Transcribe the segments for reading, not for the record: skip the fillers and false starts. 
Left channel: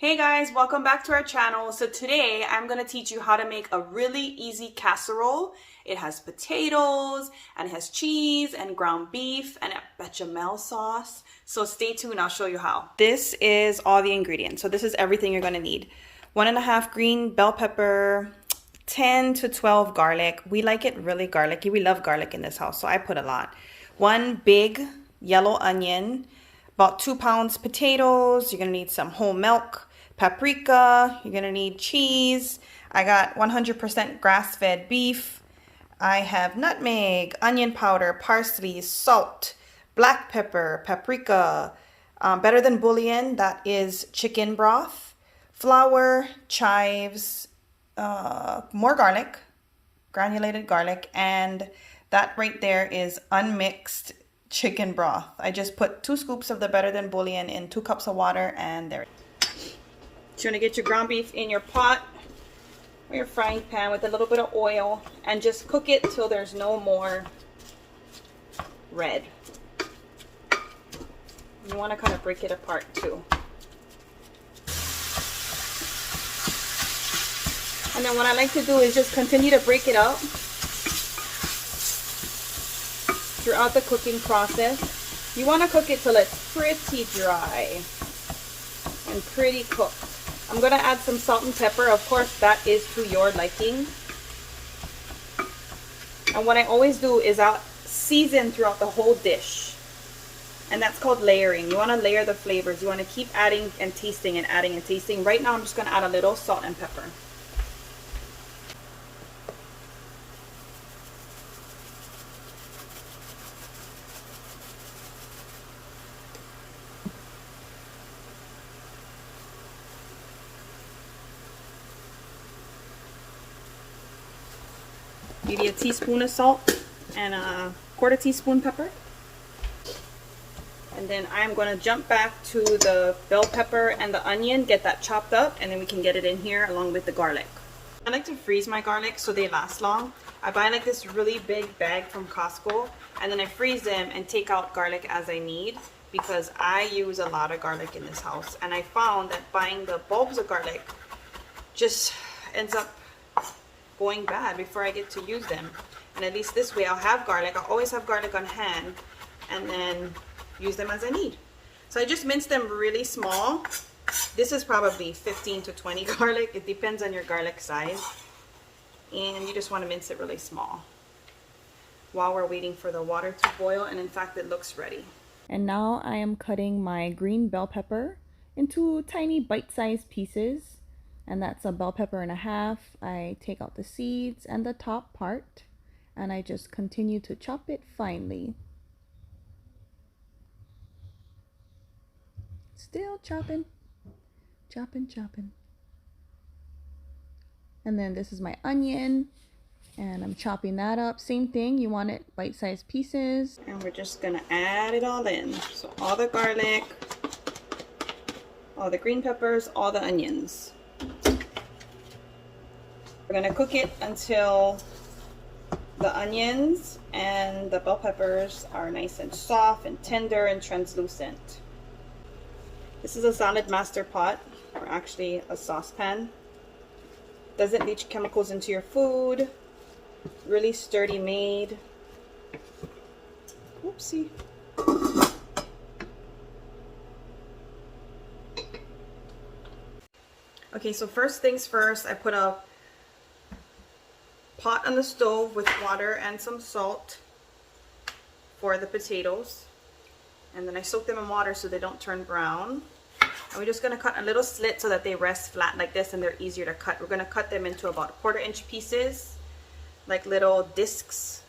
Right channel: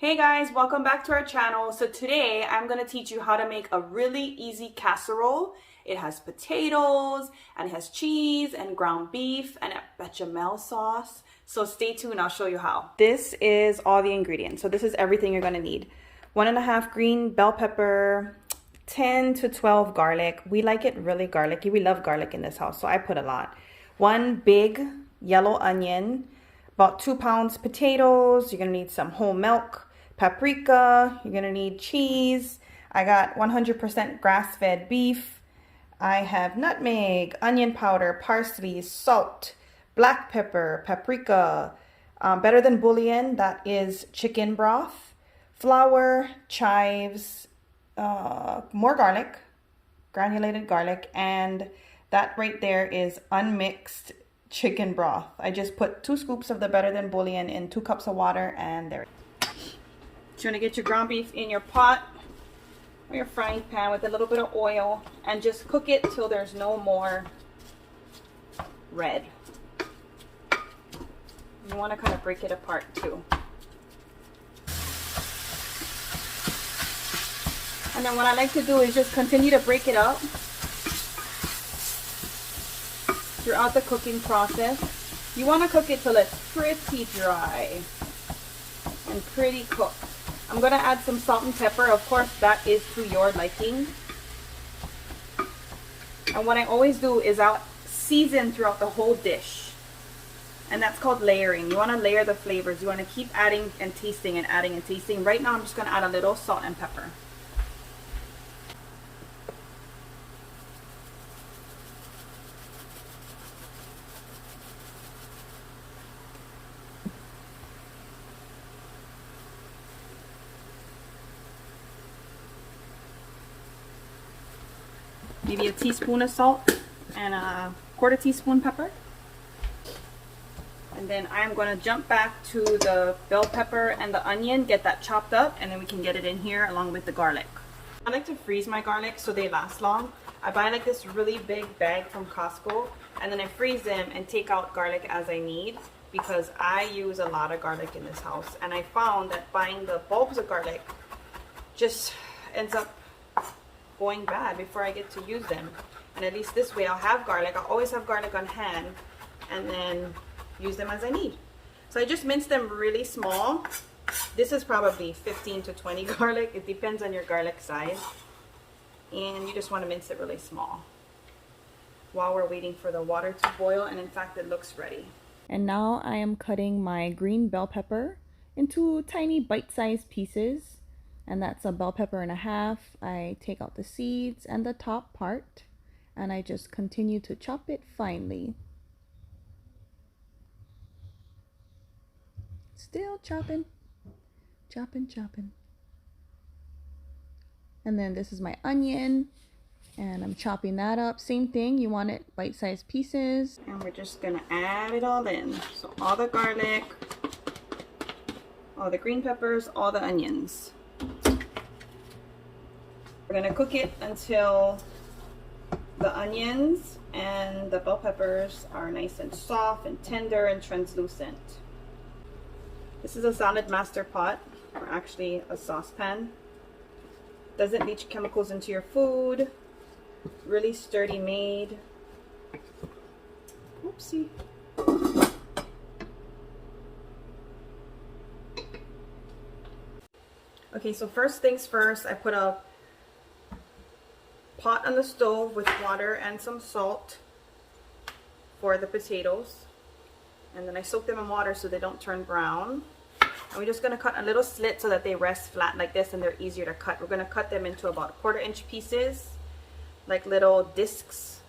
Hey guys, welcome back to our channel. So today I'm going to teach you how to make a really easy casserole. It has potatoes and it has cheese and ground beef and a bechamel sauce. So stay tuned, I'll show you how. This is all the ingredients. So this is everything you're going to need. 1.5 green bell pepper, 10 to 12 garlic. We like it really garlicky. We love garlic in this house, so I put a lot. 1 big yellow onion, about 2 pounds potatoes. You're going to need some whole milk, paprika, you're gonna need cheese. I got 100% grass-fed beef. I have nutmeg, onion powder, parsley, salt, black pepper, paprika, better than bouillon, that is chicken broth, flour, chives, more garlic, granulated garlic, and that right there is unmixed chicken broth. I just put 2 scoops of the better than bouillon in 2 cups of water, and there. You're going to get your ground beef in your pot or your frying pan with a little bit of oil and just cook it till there's no more red. You want to kind of break it apart too. And then what I like to do is just continue to break it up throughout the cooking process. You want to cook it till it's pretty dry and pretty cooked. I'm going to add some salt and pepper. Of course, that is to your liking. And what I always do is I'll season throughout the whole dish. And that's called layering. You want to layer the flavors. You want to keep adding and tasting and adding and tasting. Right now, I'm just going to add a little salt and pepper. Maybe a teaspoon of salt and a 1/4 teaspoon pepper. And then I'm going to jump back to the bell pepper and the onion, get that chopped up, and then we can get it in here along with the garlic. I like to freeze my garlic so they last long. I buy like this really big bag from Costco, and then I freeze them and take out garlic as I need, because I use a lot of garlic in this house. And I found that buying the bulbs of garlic just ends up going bad before I get to use them. And at least this way I'll have garlic. I'll always have garlic on hand and then use them as I need. So I just mince them really small. This is probably 15 to 20 garlic. It depends on your garlic size. And you just want to mince it really small while we're waiting for the water to boil. And in fact, it looks ready. And now I am cutting my green bell pepper into tiny bite-sized pieces. And that's a bell pepper and a half. I take out the seeds and the top part, and I just continue to chop it finely. Still chopping, chopping, chopping. And then this is my onion, and I'm chopping that up. Same thing, you want it bite-sized pieces. And we're just gonna add it all in. So all the garlic, all the green peppers, all the onions. We're going to cook it until the onions and the bell peppers are nice and soft and tender and translucent. This is a Salad Master pot, or actually a saucepan. Doesn't leach chemicals into your food. Really sturdy made. Oopsie. Okay, so first things first, I put a pot on the stove with water and some salt for the potatoes. And then I soak them in water so they don't turn brown. And we're just going to cut a little slit so that they rest flat like this and they're easier to cut. We're going to cut them into about 1/4 inch pieces, like little discs.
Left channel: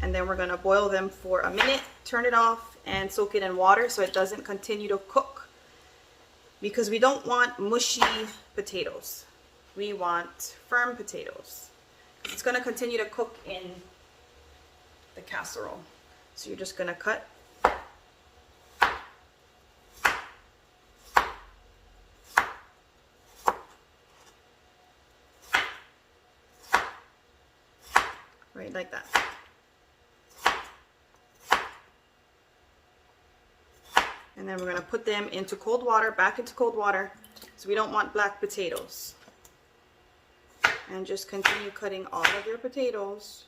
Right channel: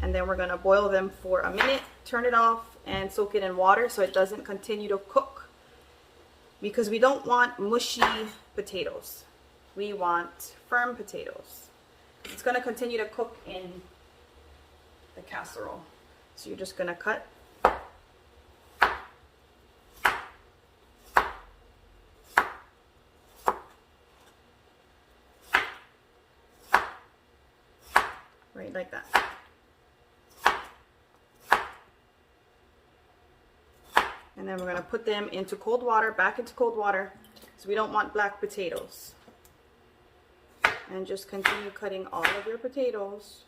And then we're going to boil them for a minute, turn it off, and soak it in water so it doesn't continue to cook. Because we don't want mushy potatoes. We want firm potatoes. It's going to continue to cook in the casserole. So you're just going to cut. Right like that. And then we're going to put them into cold water, back into cold water, so we don't want black potatoes. And just continue cutting all of your potatoes.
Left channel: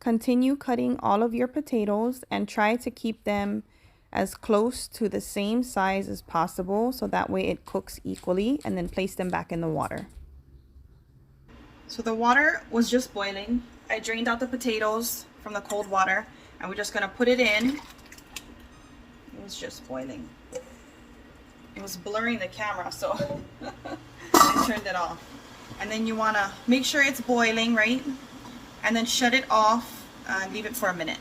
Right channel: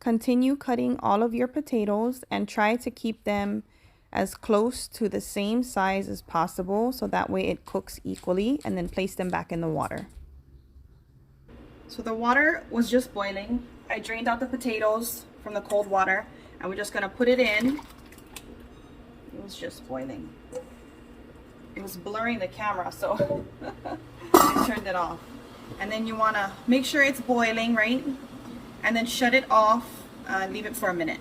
Continue cutting all of your potatoes and try to keep them as close to the same size as possible, so that way it cooks equally, and then place them back in the water. So the water was just boiling. I drained out the potatoes from the cold water, and we're just going to put it in. It was just boiling. It was blurring the camera, so I turned it off. And then you want to make sure it's boiling, right? And then shut it off, leave it for a minute.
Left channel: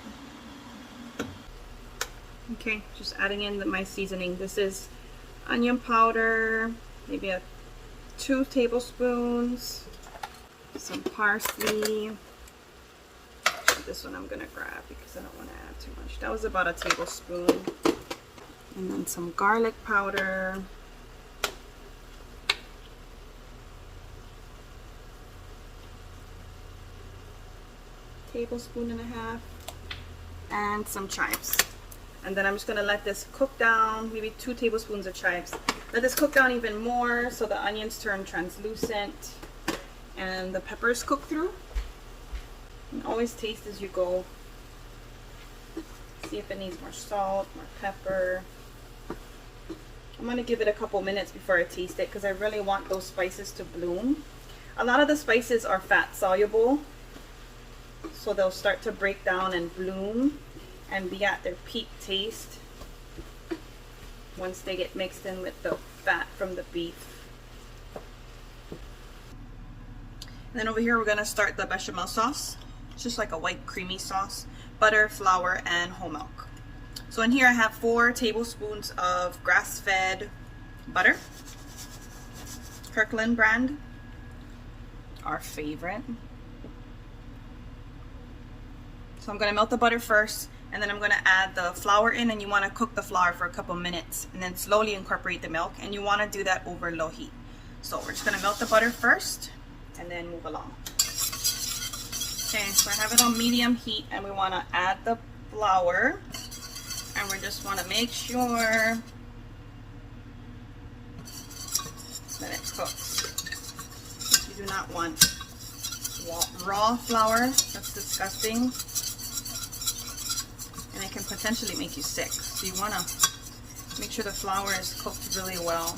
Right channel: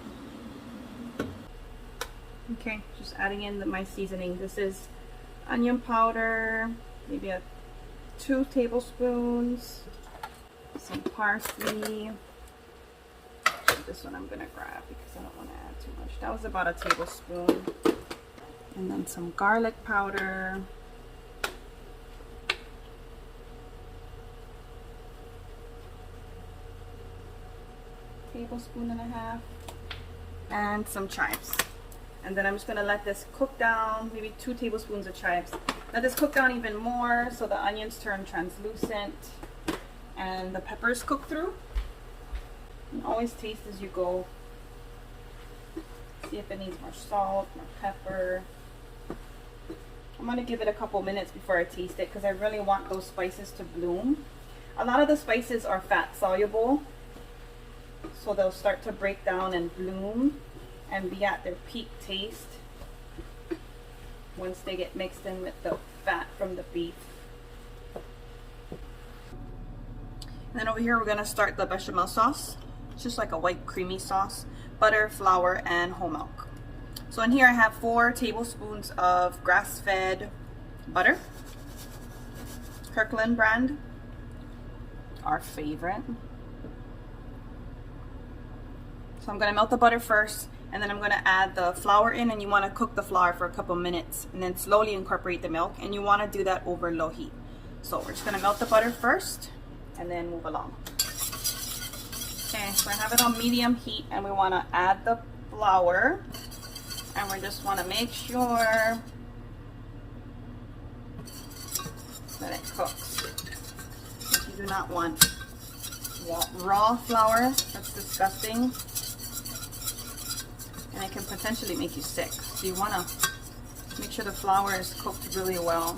Okay, just adding in my seasoning. This is onion powder, maybe 2 tablespoons, some parsley. This one I'm gonna grab because I don't want to add too much. That was about 1 tablespoon. And then some garlic powder. Tablespoon and a half. And some chives. And then I'm just gonna let this cook down, maybe 2 tablespoons of chives. Let this cook down even more so the onions turn translucent and the peppers cook through. And always taste as you go. See if it needs more salt, more pepper. I'm gonna give it a couple minutes before I taste it because I really want those spices to bloom. A lot of the spices are fat soluble, so they'll start to break down and bloom and be at their peak taste once they get mixed in with the fat from the beef. And then over here we're going to start the bechamel sauce. It's just like a white creamy sauce. Butter, flour, and whole milk. So in here I have 4 tablespoons of grass-fed butter. Kirkland brand, our favorite. So I'm going to melt the butter first, and then I'm going to add the flour in, and you want to cook the flour for a couple minutes and then slowly incorporate the milk, and you want to do that over low heat. So we're just going to melt the butter first and then move along. Okay, so I have it on medium heat, and we want to add the flour, and we just want to make sure that it cooks. You do not want raw flour. That's disgusting. And it can potentially make you sick. So you want to make sure the flour is cooked really well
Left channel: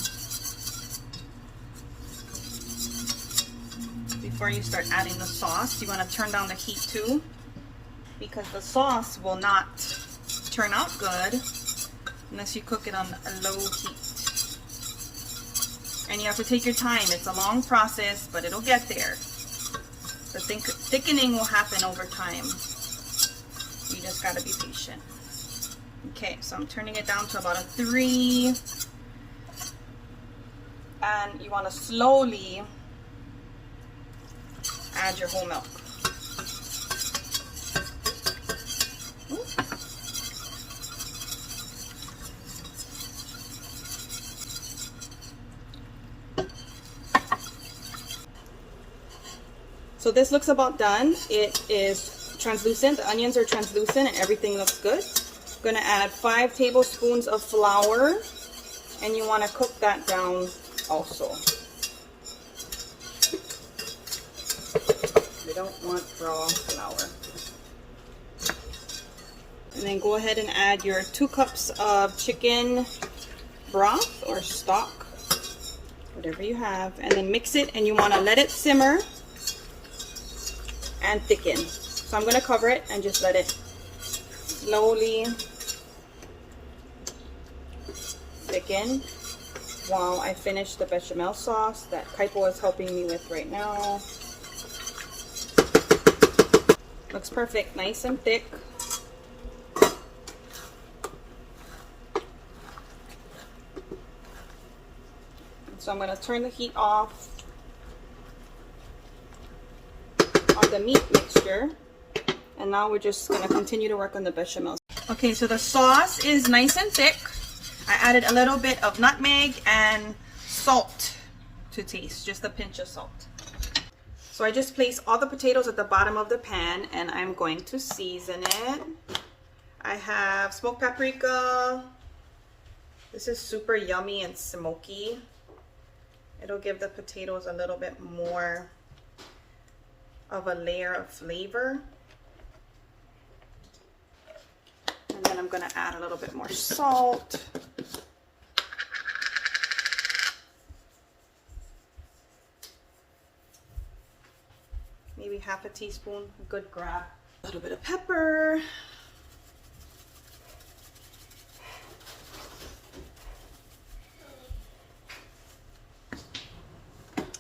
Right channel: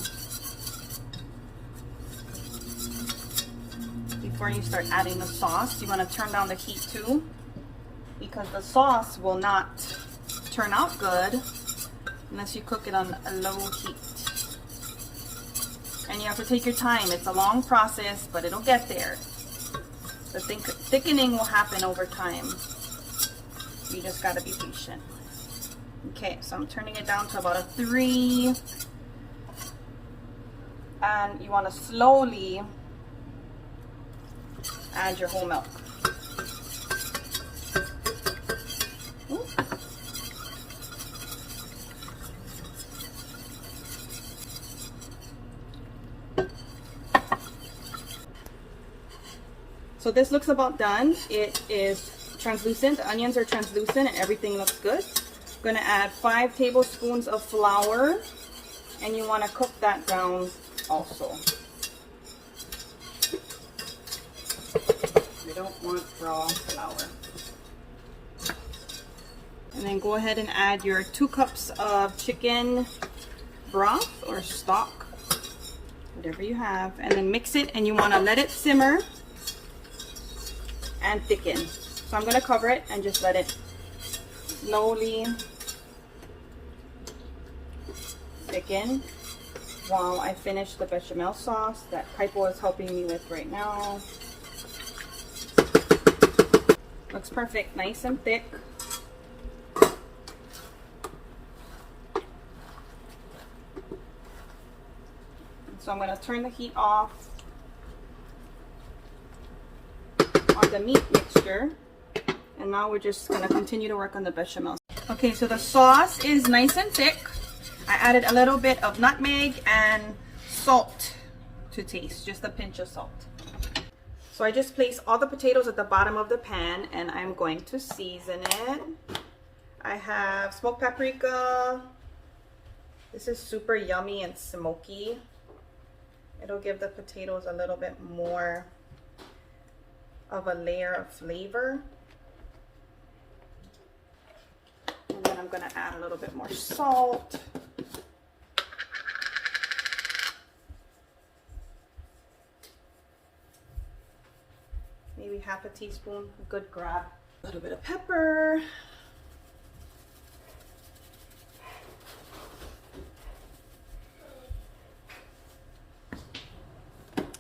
before you start adding the sauce. You want to turn down the heat too, because the sauce will not turn out good unless you cook it on a low heat. And you have to take your time. It's a long process, but it'll get there. The thickening will happen over time. You just gotta be patient. Okay, so I'm turning it down to about a 3. And you want to slowly add your whole milk. Ooh. So this looks about done. It is translucent. The onions are translucent and everything looks good. I'm going to add 5 tablespoons of flour, and you want to cook that down also. You don't want raw flour. And then go ahead and add your 2 cups of chicken broth or stock, whatever you have, and then mix it, and you want to let it simmer and thicken. So I'm going to cover it and just let it slowly thicken while I finish the bechamel sauce that Kaipo is helping me with right now. Looks perfect, nice and thick. So I'm going to turn the heat off on the meat mixture, and now we're just going to continue to work on the bechamel. Okay, so the sauce is nice and thick. I added a little bit of nutmeg and salt to taste, just a pinch of salt. So I just placed all the potatoes at the bottom of the pan, and I'm going to season it. I have smoked paprika. This is super yummy and smoky. It'll give the potatoes a little bit more of a layer of flavor. And then I'm gonna add a little bit more salt. Maybe half a teaspoon, a good grab. A little bit of pepper.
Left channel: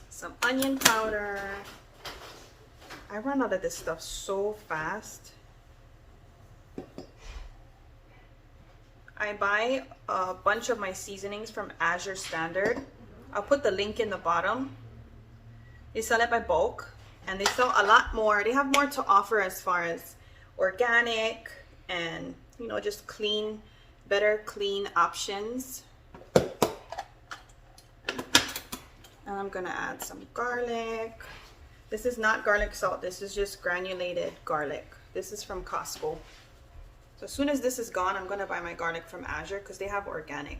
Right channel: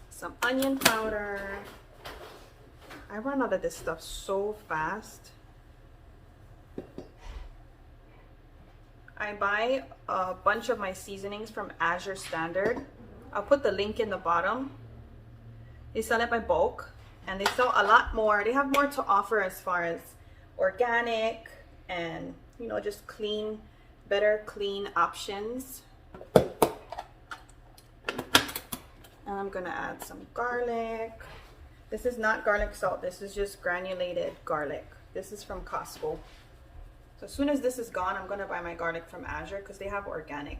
Some onion powder. I run out of this stuff so fast. I buy a bunch of my seasonings from Azure Standard. I'll put the link in the bottom. They sell it by bulk and they sell a lot more. They have more to offer as far as organic and, you know, just clean, better clean options. And I'm gonna add some garlic. This is not garlic salt, this is just granulated garlic. This is from Costco. So as soon as this is gone, I'm gonna buy my garlic from Azure because they have organic.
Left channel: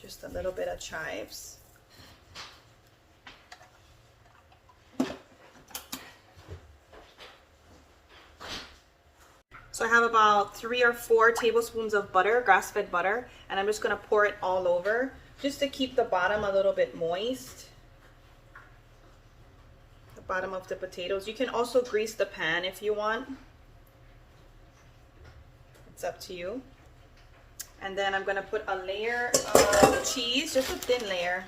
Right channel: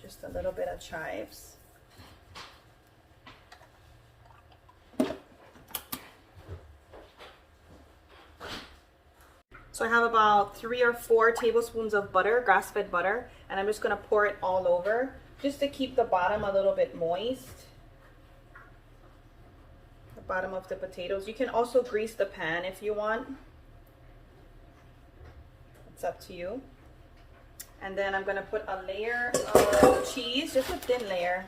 Just a little bit of chives. So I have about 3 or 4 tablespoons of butter, grass-fed butter, and I'm just gonna pour it all over just to keep the bottom a little bit moist. The bottom of the potatoes. You can also grease the pan if you want. It's up to you. And then I'm gonna put a layer of cheese, just a thin layer.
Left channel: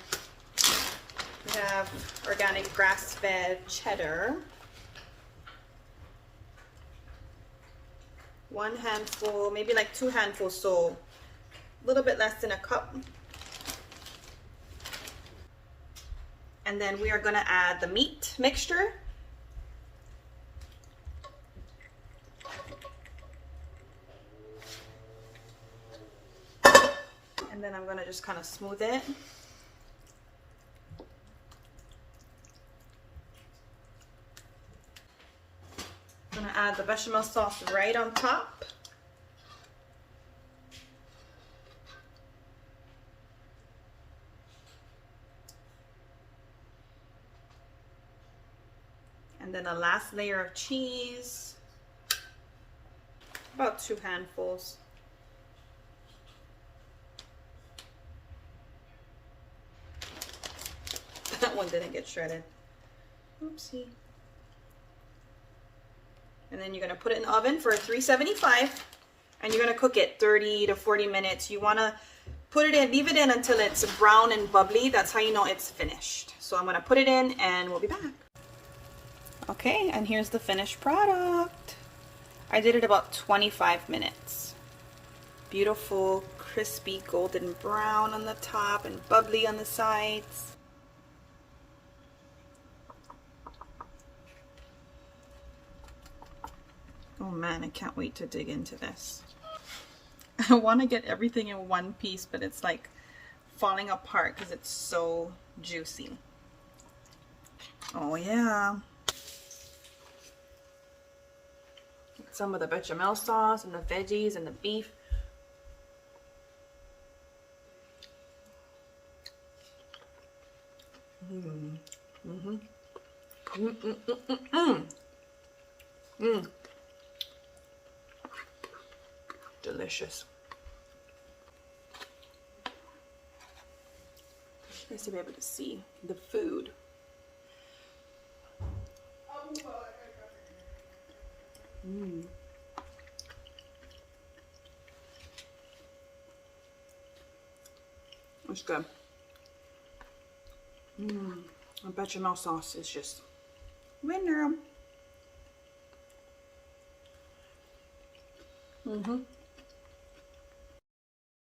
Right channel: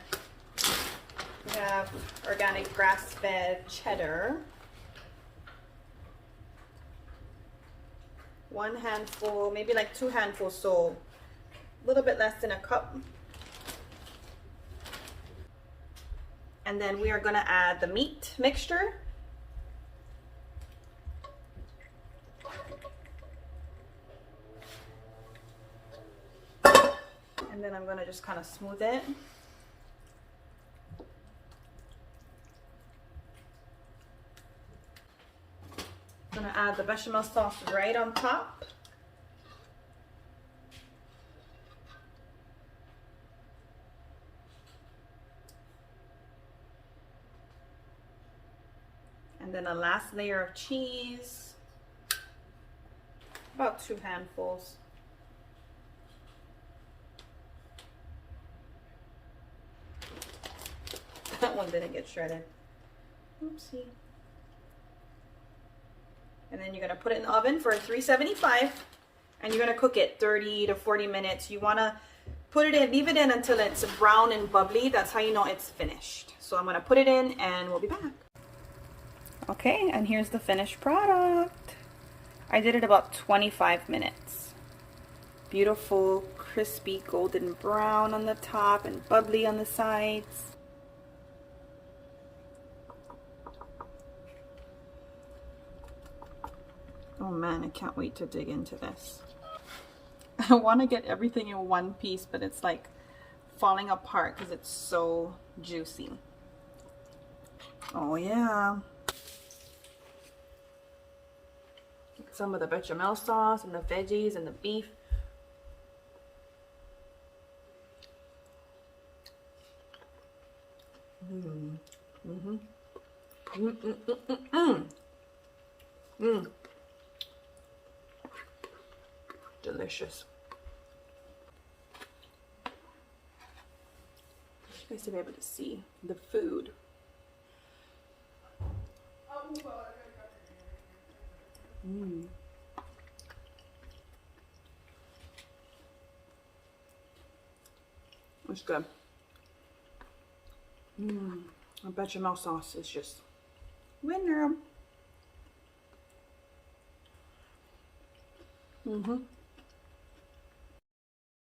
We have organic grass-fed cheddar. 1 handful, maybe like 2 handfuls, so a little bit less than a cup. And then we are gonna add the meat mixture. And then I'm gonna just kind of smooth it. I'm gonna add the bechamel sauce right on top. And then a last layer of cheese. About 2 handfuls. That one didn't get shredded. Oopsie. And then you're gonna put it in the oven for 375 and you're gonna cook it 30 to 40 minutes. You wanna put it in, leave it in until it's brown and bubbly. That's how you know it's finished. So I'm gonna put it in and we'll be back. Okay, and here's the finished product. I did it about 25 minutes. Beautiful, crispy, golden brown on the top and bubbly on the sides. Oh man, I can't wait to dig into this. I want to get everything in one piece, but it's like falling apart because it's so juicy. Oh yeah. Some of the bechamel sauce and the veggies and the beef. Delicious. Nice to be able to see the food. It's good. The bechamel sauce is just winner.